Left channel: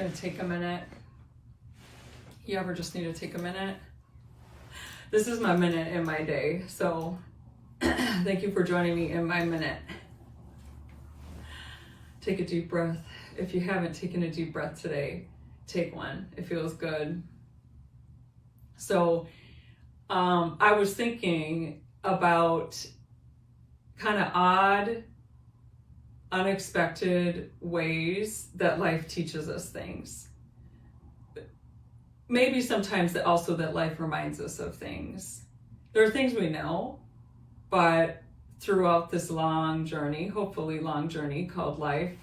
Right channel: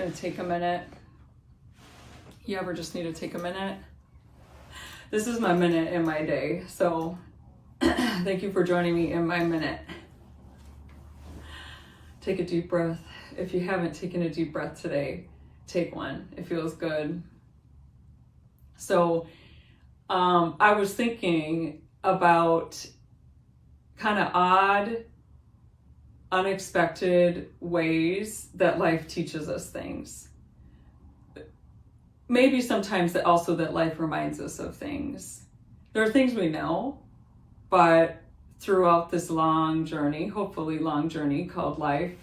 going to take a minute. You ever just need to take a minute? This is my minute in my day, so thank you for joining me in my minute. Take a deep breath. If you haven't taken a deep breath today, take one. It feels good. So I was thinking about kind of odd, unexpected ways that life teaches us things. Maybe sometimes that also that life reminds us of things. There are things we know, but throughout this long journey, hopefully long journey called life,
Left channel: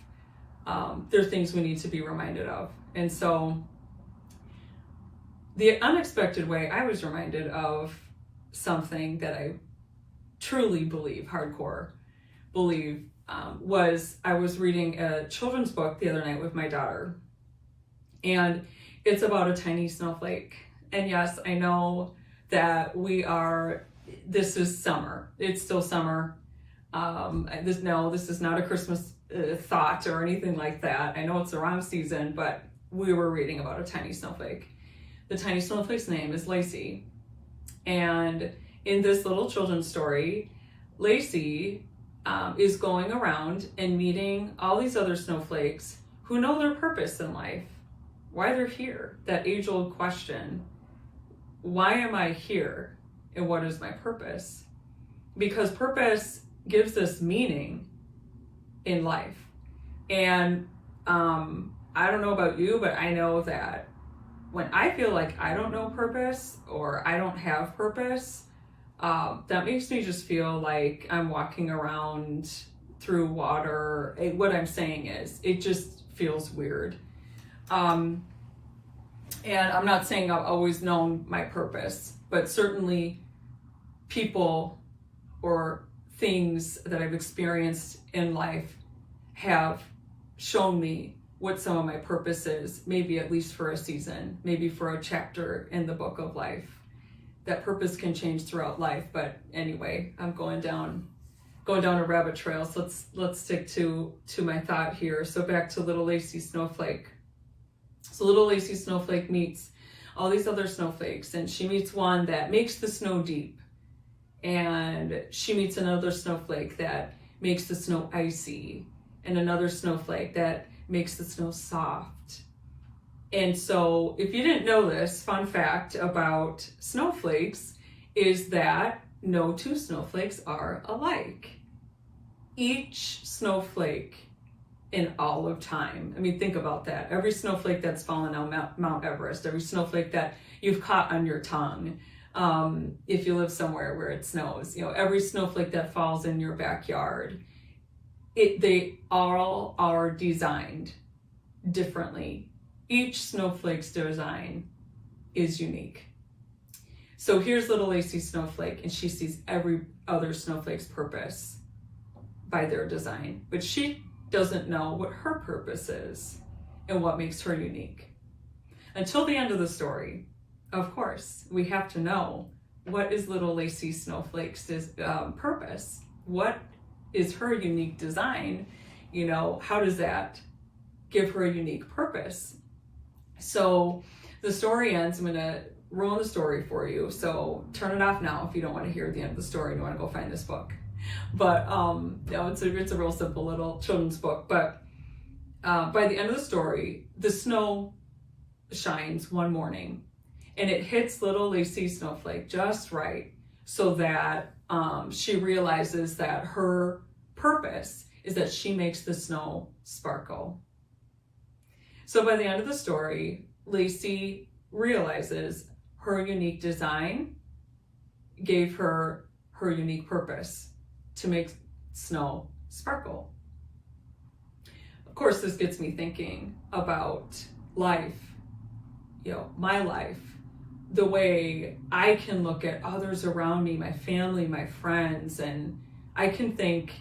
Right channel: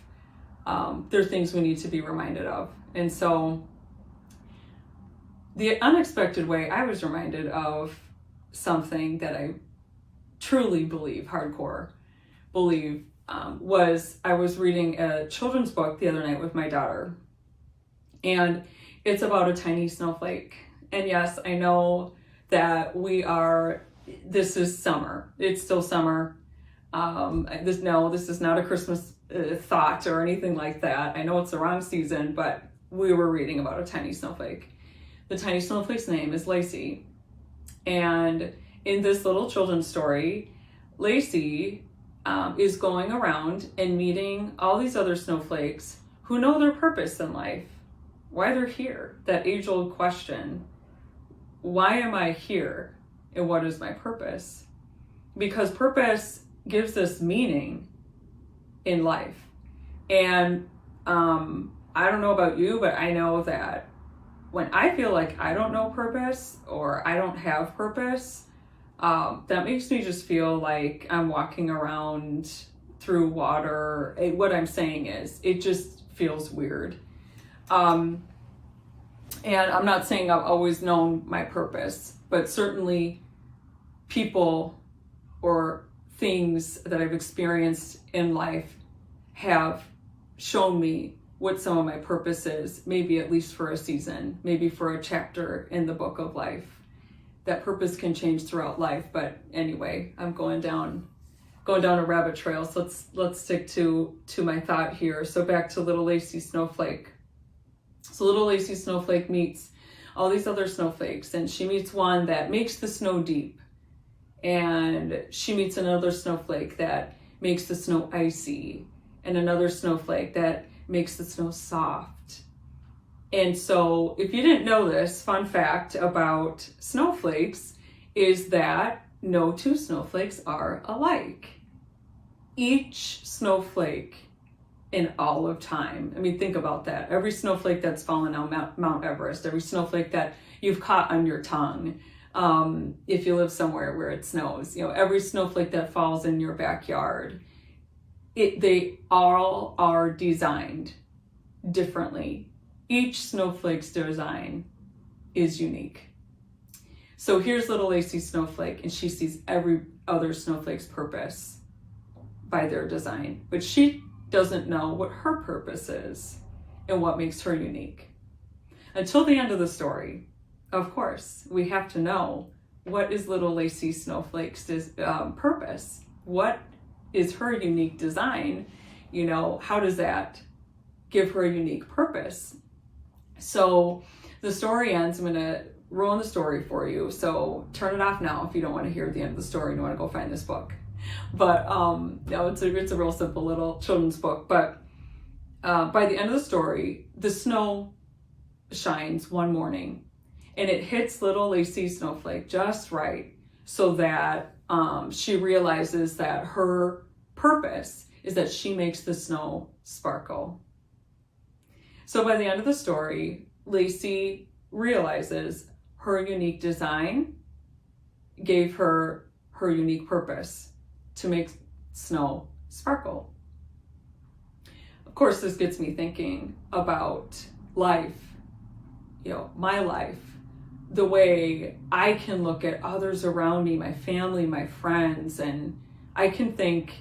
there are things we need to be reminded of. And so the unexpected way I was reminded of something that I truly believe, hardcore believe, was I was reading a children's book the other night with my daughter. And it's about a tiny snowflake. And yes, I know that this is summer. It's still summer. This is not a Christmas thought or anything like that. I know it's the wrong season, but we were reading about a tiny snowflake. The tiny snowflake's name is Lacey. And in this little children's story, Lacey is going around and meeting all these other snowflakes who know their purpose in life, why they're here, that age-old question, why am I here and what is my purpose? Because purpose gives us meaning in life. And I don't know about you, but I know that when I feel like I don't know purpose or I don't have purpose, that makes me just feel like I'm walking around through water. What I'm saying is, it just feels weird. And I'm not saying I've always known my purpose, but certainly people or things that I've experienced in life have shown me what some of my purpose is, maybe at least for a season, maybe for a chapter in the book of life. That purpose can change throughout life, but anyway, I'm going down a rabbit trail. So let's stick to my thought here. So back to little Lacey Snowflake. So little Lacey Snowflake meets all these other snowflakes, and she meets one that makes the snow deep, and she meets another snowflake that makes the snow icy, and another snowflake that makes the snow soft. And so if you didn't know this, fun fact about snowflakes is that no two snowflakes are alike. Each snowflake in all of time, I mean, think about that. Every snowflake that's fallen on Mount Everest, every snowflake that you've caught on your tongue, if you live somewhere where it snows, every snowflake that falls in your backyard, they all are designed differently. Each snowflake's design is unique. So here's little Lacey Snowflake, and she sees every other snowflake's purpose by their design, but she doesn't know what her purpose is and what makes her unique. Until the end of the story, of course, we have to know what is little Lacey Snowflake's purpose. What is her unique design? How does that give her a unique purpose? So the story ends. I'm going to ruin the story for you. So turn it off now if you don't want to hear the end of the story and you want to go find this book. But no, it's a real simple little children's book. But by the end of the story, the snow shines one morning and it hits little Lacey Snowflake just right, so that she realizes that her purpose is that she makes the snow sparkle. So by the end of the story, Lacey realizes her unique design gave her her unique purpose to make snow sparkle. Of course, this gets me thinking about life, my life, the way I can look at others around me, my family, my friends, and I can think,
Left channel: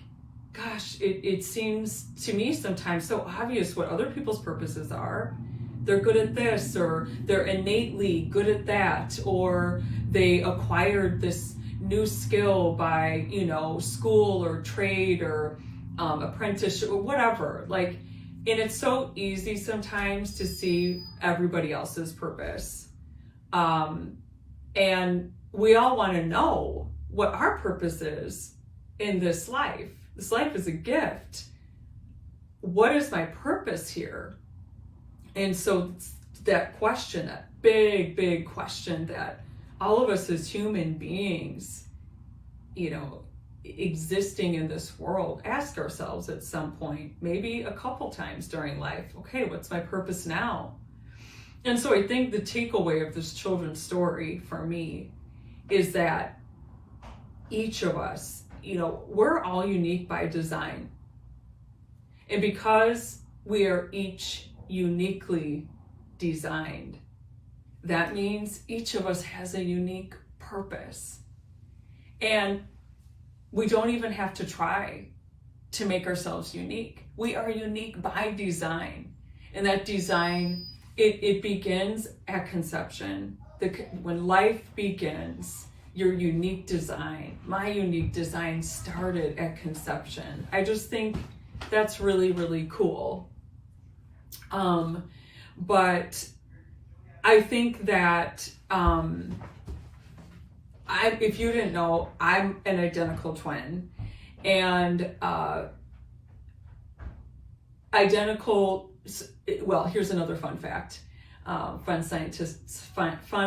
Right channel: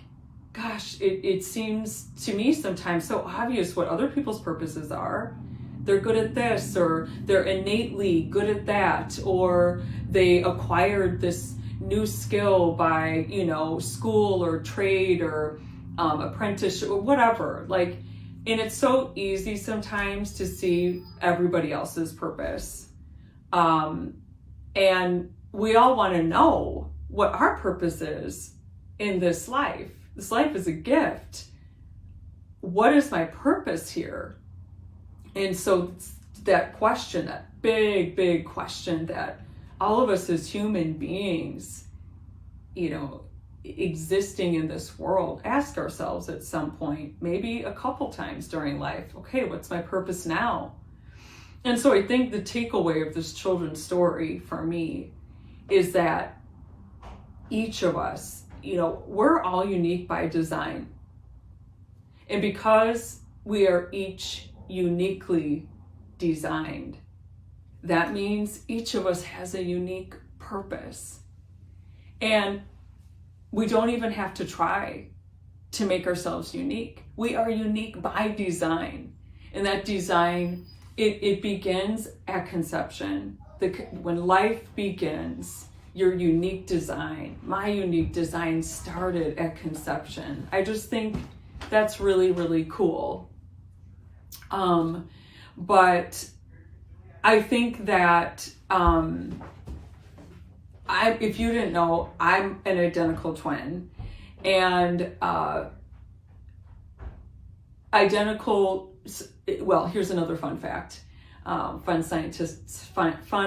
gosh, it seems to me sometimes so obvious what other people's purposes are. They're good at this, or they're innately good at that, or they acquired this new skill by, school or trade or apprenticeship or whatever. Like, And it's so easy sometimes to see everybody else's purpose. And we all want to know what our purpose is in this life. This life is a gift. What is my purpose here? And so that question, that big question that all of us as human beings, existing in this world, ask ourselves at some point, maybe a couple times during life, okay, what's my purpose now? And so I think the takeaway of this children's story for me is that each of us, we're all unique by design. And because we are each uniquely designed, that means each of us has a unique purpose. And we don't even have to try to make ourselves unique. We are unique by design. And that design, it begins at conception. When life begins, your unique design, my unique design started at conception. I just think that's really, really cool. But I think that if you didn't know, I'm an identical twin, and here's another fun fact, fun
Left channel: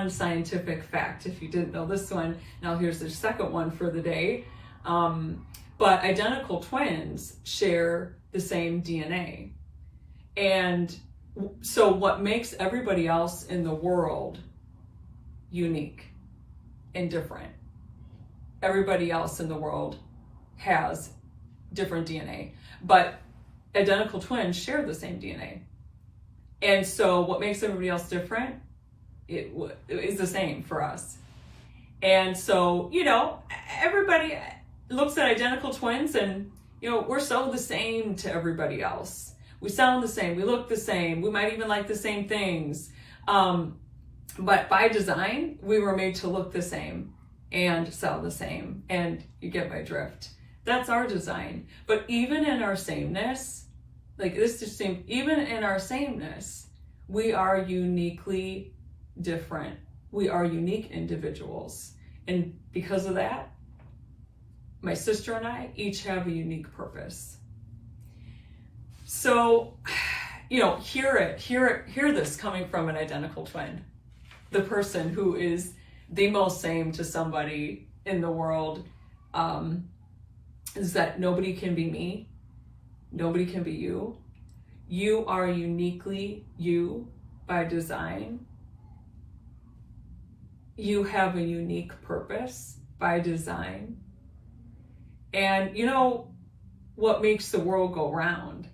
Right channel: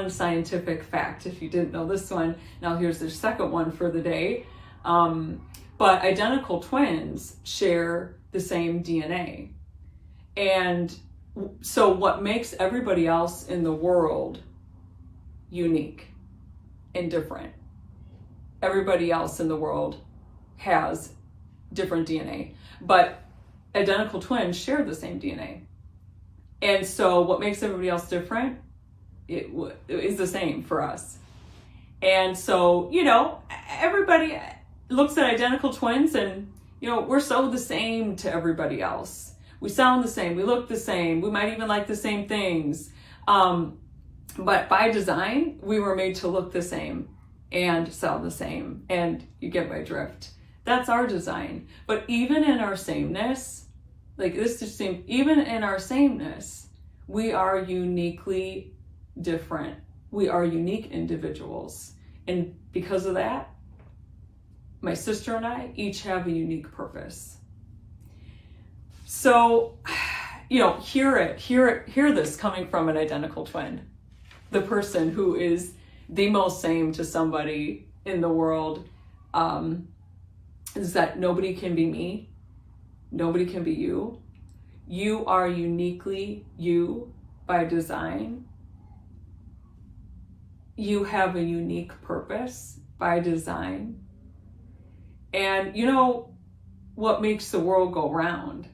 scientific fact. If you didn't know this one, now here's the second one for the day. But identical twins share the same DNA, and so what makes everybody else in the world unique and different? Everybody else in the world has different DNA, but identical twins share the same DNA. And so what makes everybody else different, it is the same for us. And so, everybody looks at identical twins and, we're so the same to everybody else. We sound the same, we look the same, we might even like the same things. But by design, we were made to look the same and sound the same. And you get my drift. That's our design. But even in our sameness, even in our sameness, we are uniquely different. We are unique individuals. And because of that, my sister and I each have a unique purpose. So, hear this coming from an identical twin. The person who is the most same to somebody in the world, is that nobody can be me. Nobody can be you. You are uniquely you by design. You have a unique purpose by design. And what makes the world go round?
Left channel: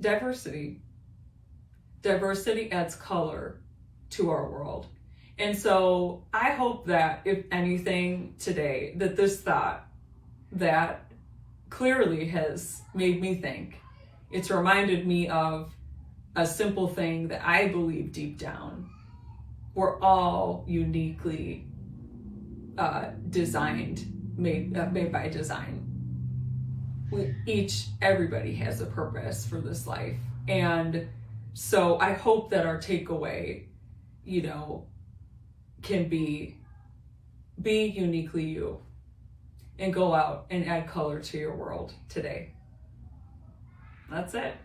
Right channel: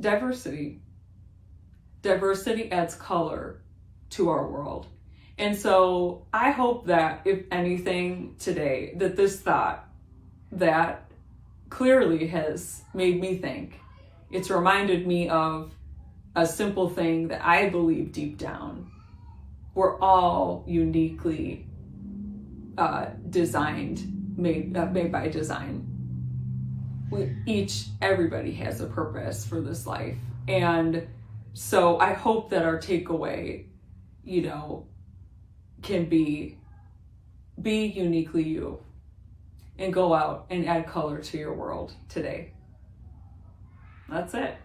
Diversity. Diversity adds color to our world. And so I hope that, if anything today, that this thought that clearly has made me think, it's reminded me of a simple thing that I believe deep down. We're all uniquely designed, made by design. Everybody has a purpose for this life. And so I hope that our takeaway, can be uniquely you and go out and add color to your world today. That's it.